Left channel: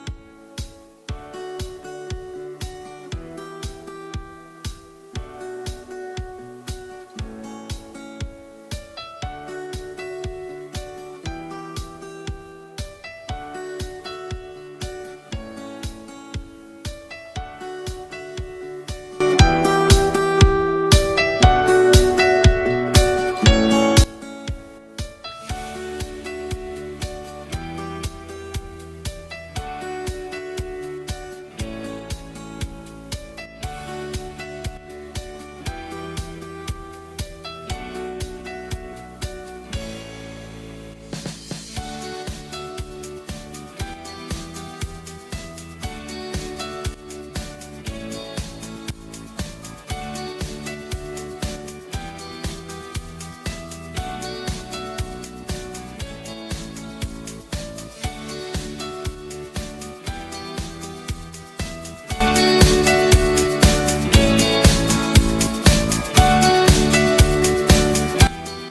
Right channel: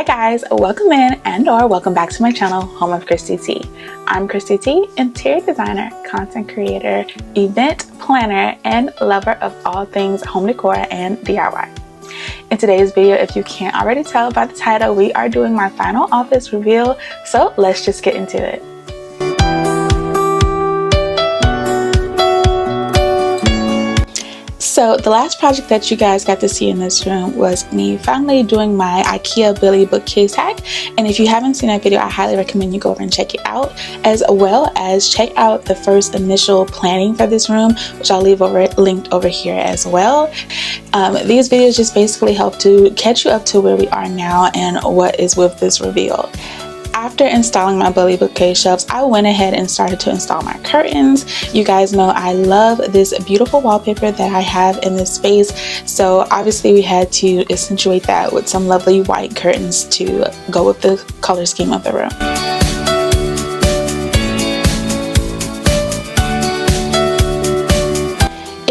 Hi guys, welcome in and/or welcome back to my channel, Home of Christy T. I'm Christy T, interior designer, content creator, event planner, and lover of all things home decor and DIY. In today's video, if you can't already tell by the title, we are doing my final office reveal, so let's just get into it. So the last project that you guys got to see in this room was me finally doing my IKEA Billy bookcase hack, and if you haven't seen that video, I highly recommend you go over and check it out, as well as check out the first initial planning for this room, which I'll leave linked over here as well. These videos just basically help to catch you up to where we are now and what is with this reveal. After installing my Billy bookcase shelves, I went ahead and started to install my curtains. You guys know I love this beautiful wallpaper that I have in this space, so obviously we had to accentuate that with some lovely white curtains to go with the color scheme of the room.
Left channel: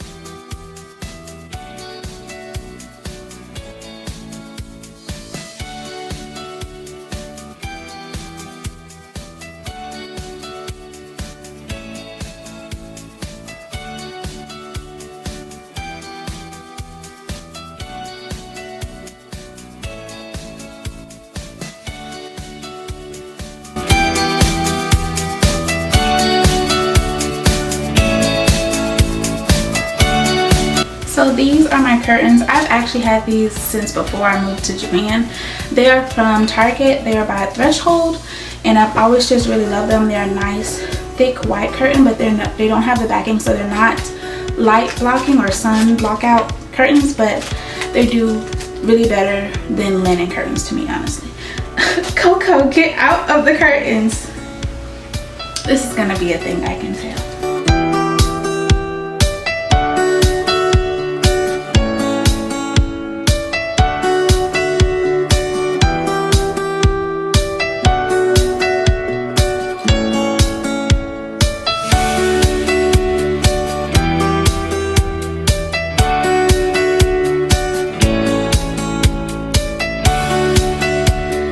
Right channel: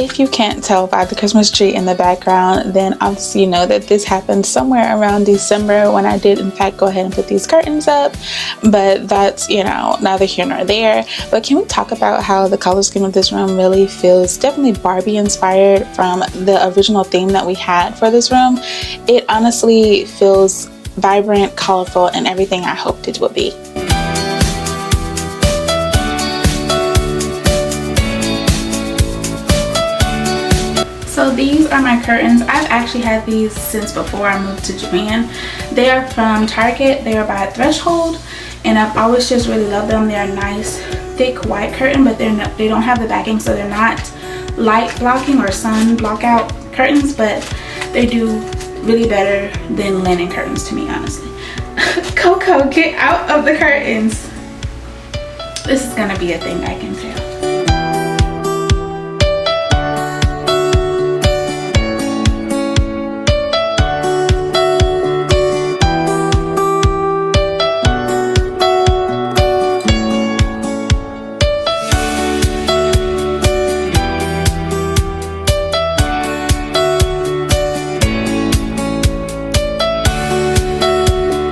If you can't tell by the Christmas tree in the background, then obviously you know that this happened somewhere around December when I did in fact go ahead and put these curtains up, but that's, you know, neither here nor there. But can we talk about how the color scheme of this room really feels definitely Barbie inspired from the original theme that we had for this room? It honestly feels vibrant, colorful, and everything I hoped it would be. So these are my curtains. I've actually had these since before I moved to Japan. They are from Target. They are by Threshold, and I've always just really loved them. They're a nice thick white curtain, but they don't have the backing, so they're not light blocking or sun blockout curtains, but they do really better than linen curtains to me, honestly. Coco, get out of the curtains. This is gonna be a thing, I can tell.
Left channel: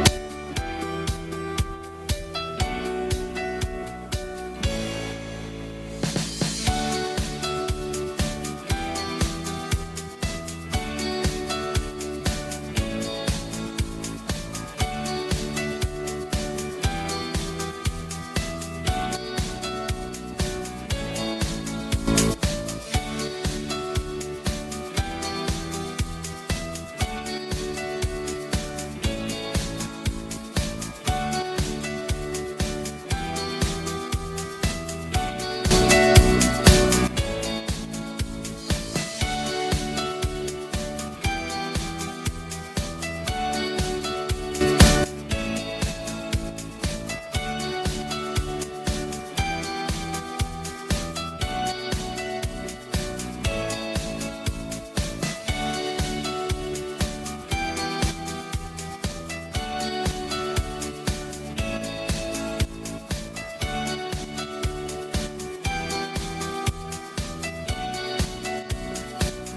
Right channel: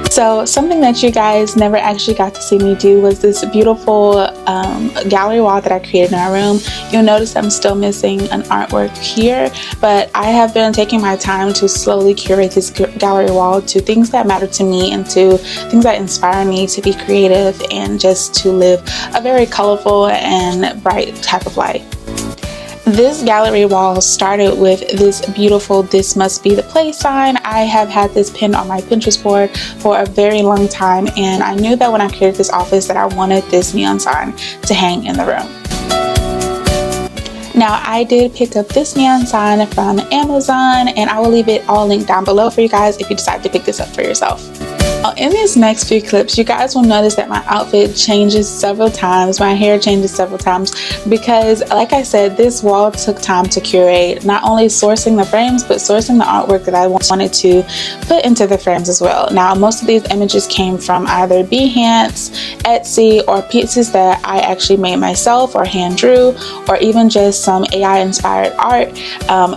So something that you guys never actually got to see me do was this beautiful gallery wall that I created in our room. You'll notice I'm still missing an artwork here, but I have been taking my time to slowly curate this gallery wall to things that matter to me and to things that inspire me to be creative and just to live a very colorful and bright type of life. This gallery wall started with this beautiful "This Must Be the Place" sign. I have had this pinned on my Pinterest board for a very long time, and I knew that when I created this office that I wanted this neon sign to hang in the room. Now, I did pick up this neon sign from Amazon, and I will leave it all linked down below for you guys if you decide to pick this up for yourself. In these next few clips, you guys will notice that my outfit changes several times, my hair changes several times, because like I said, this wall took time to curate, not only sourcing the frames, but sourcing the artwork that I wanted to put into the frames as well. Now, most of these images came from either Behance, Etsy, or pieces that I actually made myself or hand drew, or even just some AI inspired art,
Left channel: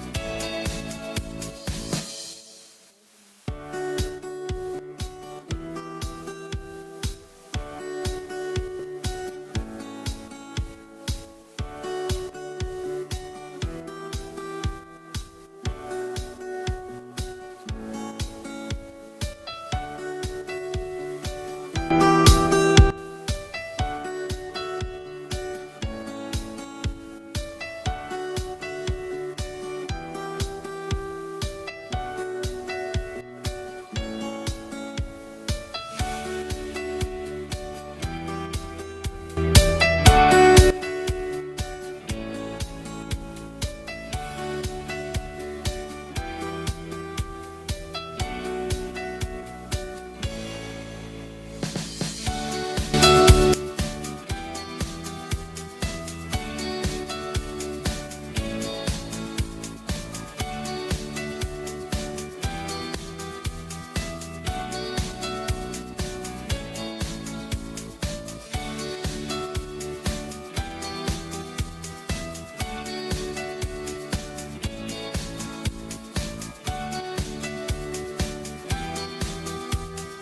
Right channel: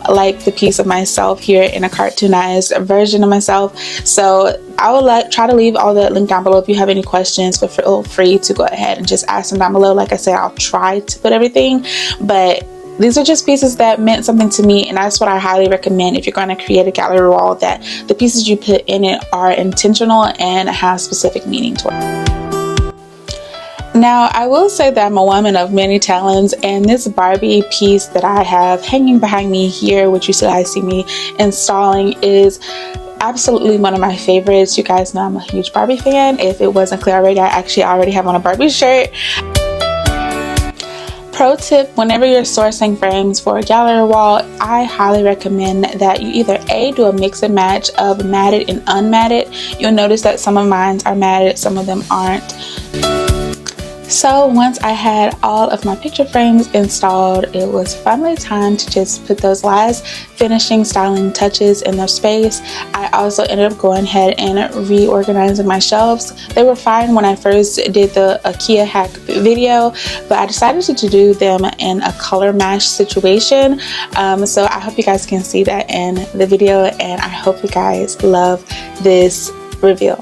like the piece of myself here in a cartoonized version of myself. So I would try to leave all that linked down below if you have any questions, but feel free to go ahead and just ask them down below. Like I said, I'll try to put everything, but these are just pieces that meant something to me, and that's what I highly recommend if you're going to create a gallery wall, that the pieces you put in it are intentional and have specific meaning to it. Now, I will say that I'm a woman of many talents, and this Barbie piece that I have hanging behind me here, which you guys see me installing, is absolutely one of my favorites. You guys know I'm a huge Barbie fan. If it wasn't clear already, I actually already have on a Barbie shirt. Pro tip, whenever you're sourcing frames for a gallery wall, I highly recommend that you either A, do a mix and match of matted and unmatted. You'll notice that some of mine are matted, some of them aren't. So once I had all of my picture frames installed, it was finally time to just put those last finishing styling touches in their space. I also ended up going ahead and reorganizing my shelves. They were fine when I first did the IKEA hack video, but I decided to do them in a color match situation. So I hope you guys can see that in the video, and I hope you guys love this reveal.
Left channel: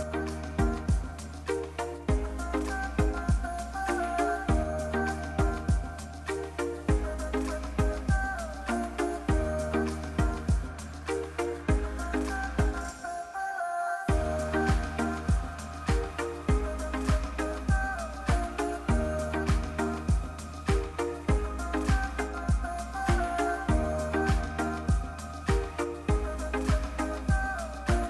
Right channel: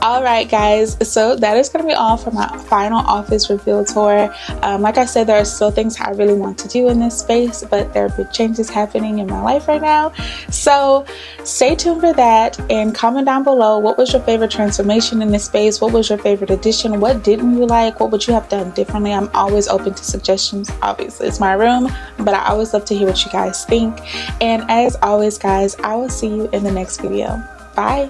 Alright guys, so that is going to be all for my final office reveal tour. Like I said, there are still things I really want to do in this space, but there are big changes happening in my life right now. So stay tuned for that, and comment down below, what was your favorite transformation in this space? What was your favorite addition? What didn't you like? What would you have done differently? I'm always open to suggestions. Obviously it's my room, but I always love to hear what you guys think. And as always guys, I will see you in the next video. Bye.